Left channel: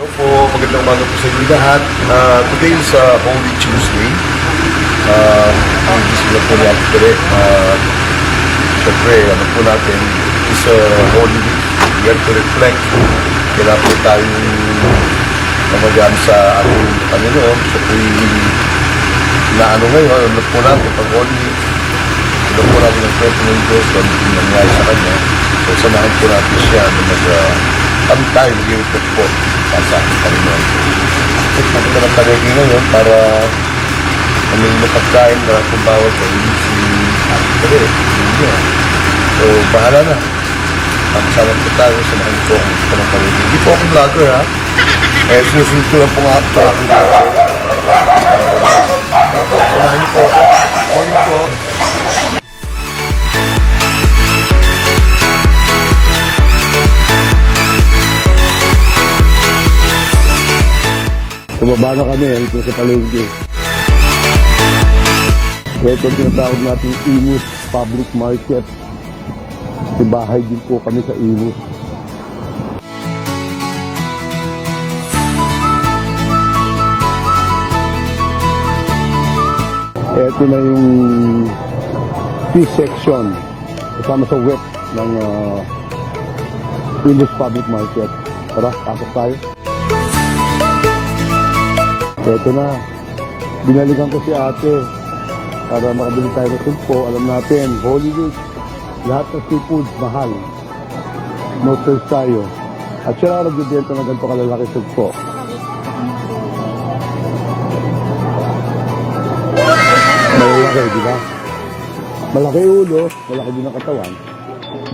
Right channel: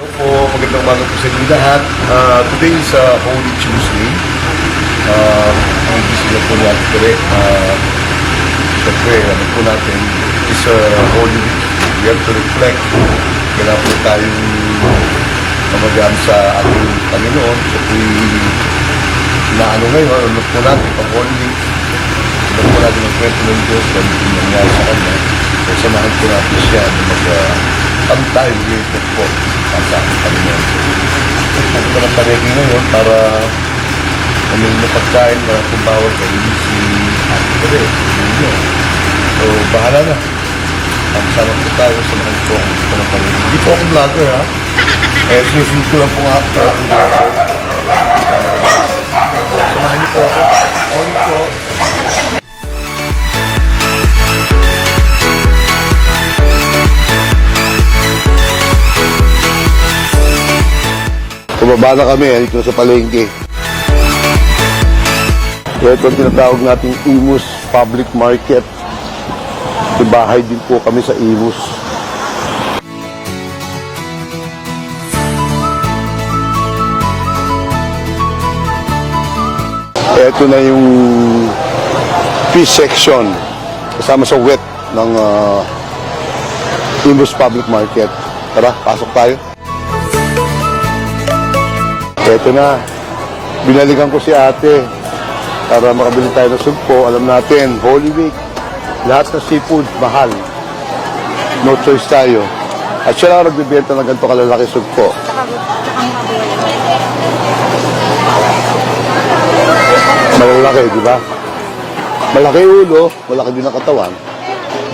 Hello po, magandang umaga po sa inyo lahat. Today is Holy Tuesday. Hindi sila po niya pere. Siyempre, ano po natin, is Holy Week. We have to reflect. Kailangan po tayong mamagaan sa ating Panginoon. So po'y inaano ngayon, ano po natin, pag Holy Week, ano po natin ang kwento ng Diyos, ano po nangyari sa Kanya. So samahan po natin siya na kami tayo mag-i-reflect po sa ating Panginoon. Ito na palagi ngayon para kami mapagkain para kung bawal kayo si Ate Tere. So bahala na. Sama po tayo sa mga po sa mga palagi. Hindi po akong vlogger ha. Sinusunod ko lang po nga po aking vlogger. Samahan niyo po ako. Morning po. Bumaba na kami dito sa palengke. So ito ang tinatawag nating Imus Public Market. Bahay din po kami sa Imus. Ito na yung fish section kasama sa wet ng Imus Public Market. Tara, pasok tayo. Ito na, binalikan ko si ate para makabili tayo ng sugpo. Alam natin, Holy Week, lahat ng seafood, mahal. No choice tayo. At siya lang nagbibenta ng ganito kalalaki sugpo. Malalaki, di ba? Malaki ulo, malaki din ang katawan.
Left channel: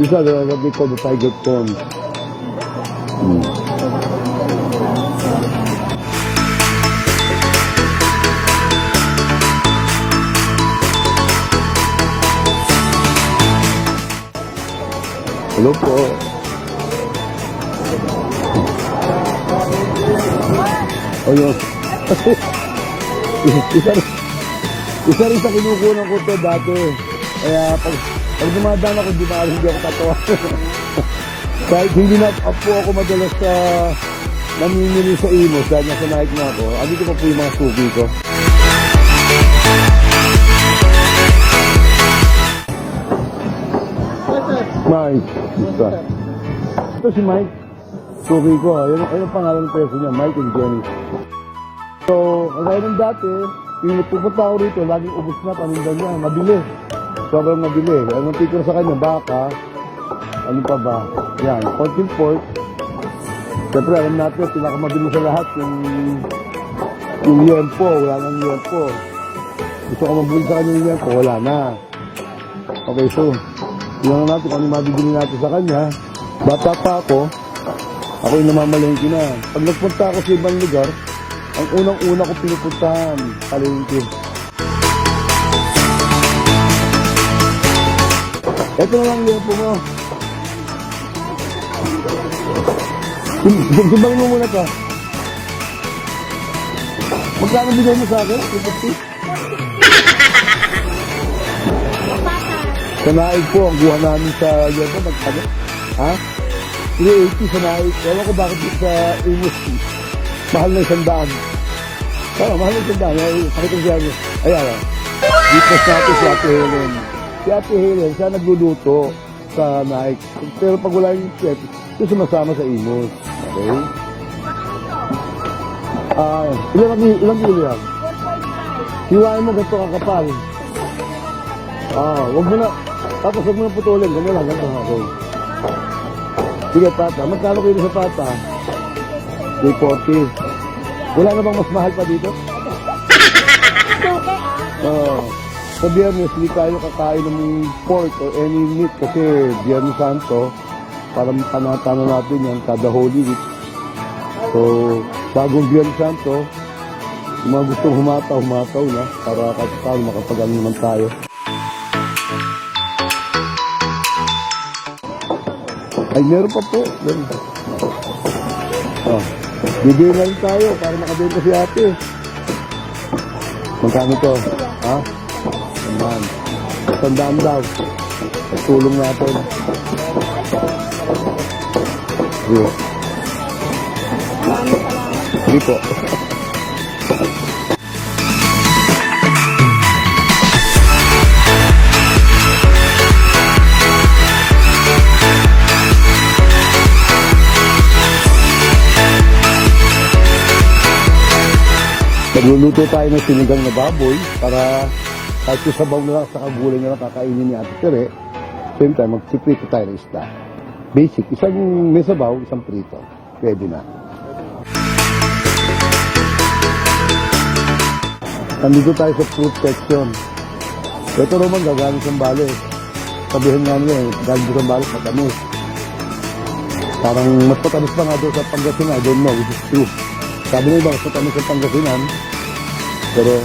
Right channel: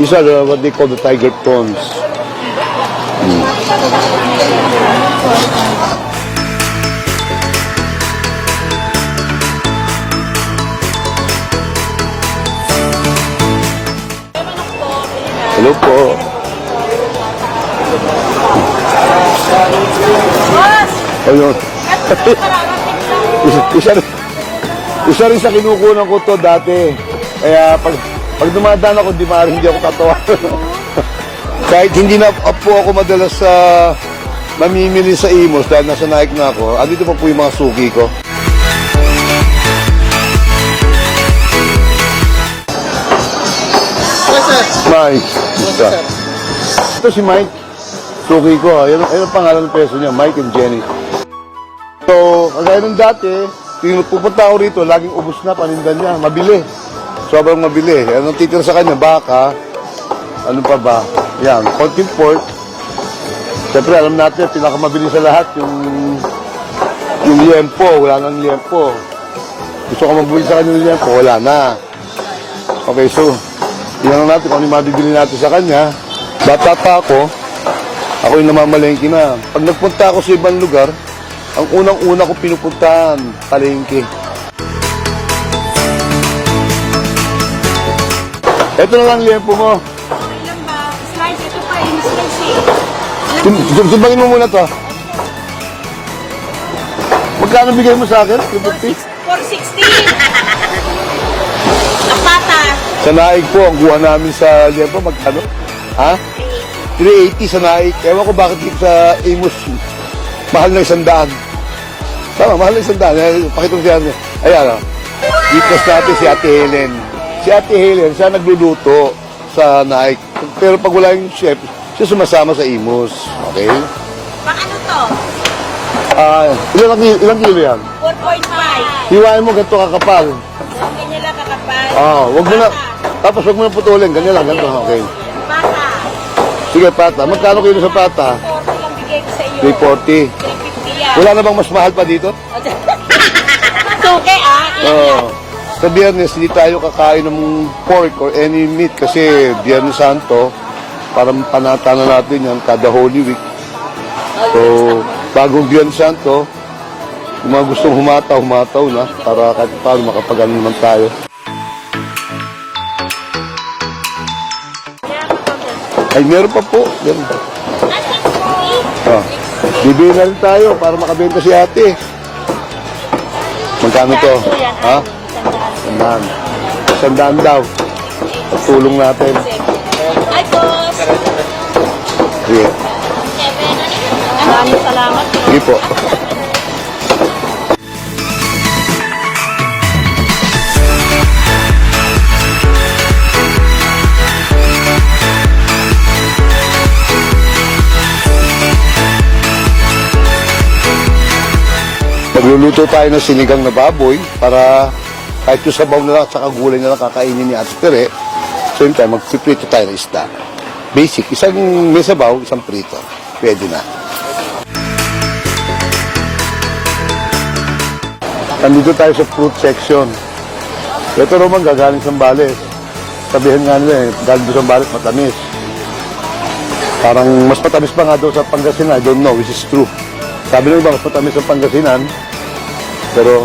These are what they call the tiger prawns. Hello po. Ayun. isa rin sa kinukunan ko to dati. Kaya pag dumadaan ako, hindi ako tatawa. Kahit hindi na po ako madalas sa mamimili sa Imus dahil nasa Nike na ako, andito pa po yung mga suki ko. Mike. Ito si Mike. Suki ko. Ayun ang pangalan ng peso niya. Mike and Jenny. So, kagaya nung dati, pupunta ako rito, laging ubos na panindan niya. Mabili. Sobrang mabili. Anong titira sa kanya? Baka. Ano pa ba? Yan. Konting pork. Siyempre, alam natin, pinakamabili sa lahat yung liempo. Wala nang liempo. Gusto ko mabili sa kanya yung liempo. Wala na. Okay, so tingnan natin kung ano yung mabibili natin sa kanya. Bata pa ako yung namamalengke na. Pag nagpunta ako sa ibang lugar, ang unang-una ko pinupuntahan, palengke. Ito na lang liempo mo. Sumbangin mo muna to. Magkano bigay mo sa akin? 460. Ang pata. Sa Naik po, ang kuha namin sa liempo, magkano? Ha? 380 sa Naik. Ewan ko bakit dito sa Imus, mahal na 100. Tama, mahal na 100. Pakita mo siya. Ayan, dito natin si Ate Helen. Si Ate Helen, siya nagluluto sa Naik. Pero pag wala yung chef, siya sumasama sa Imus. Okay? Pang ano to? Ilang kilo yan? 4.5. Hiwain mo, ganito kakapal. Ganyan lang kakapal. Wag mo na. Tapos wag mo na putulin. Ganyan lang, ganito. Okay. Pata. Sige, pata. Magkano kilo sa pata? 40 lang bigay ko sa iyo. 340. 350 yan. Wala na bang mas mahal pa dito? Suke Oo. Sa Biyernes, hindi tayo kakain ng pork or any meat kasi Biyernes Santo, para panata na natin yan kada Holy Week. So, bagong Biyernes Santo, kung mga gustong humataw na para kahit paano makapag-ano naman tayo. Ay, meron pa po. Meron pa. Bibili na rin tayo para makabenta si ate. Magkano to? Ha? 100. 100 daw. Tulong natin. Ay, boss. Sige. Maraming salamat. Sige po. Magluluto tayo ng sinigang na baboy para kahit yung sabaw na lang at saka gulay na lang kakainin ni Ate Tere. Same time, magpiprito tayo ng isda. Basic, isang may sabaw, isang prito. Pwede na. Nandito tayo sa fruit section. Ito naman gagaling sa Zambales. Sabihin nga nila galing doon sa Zambales, matamis. Parang mas matamis pa nga doon sa Pangasinan. I don't know, which is true. Sabi nila ba, mas matamis sa Pangasinan. Pero,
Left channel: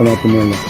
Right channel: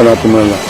natin mo lang.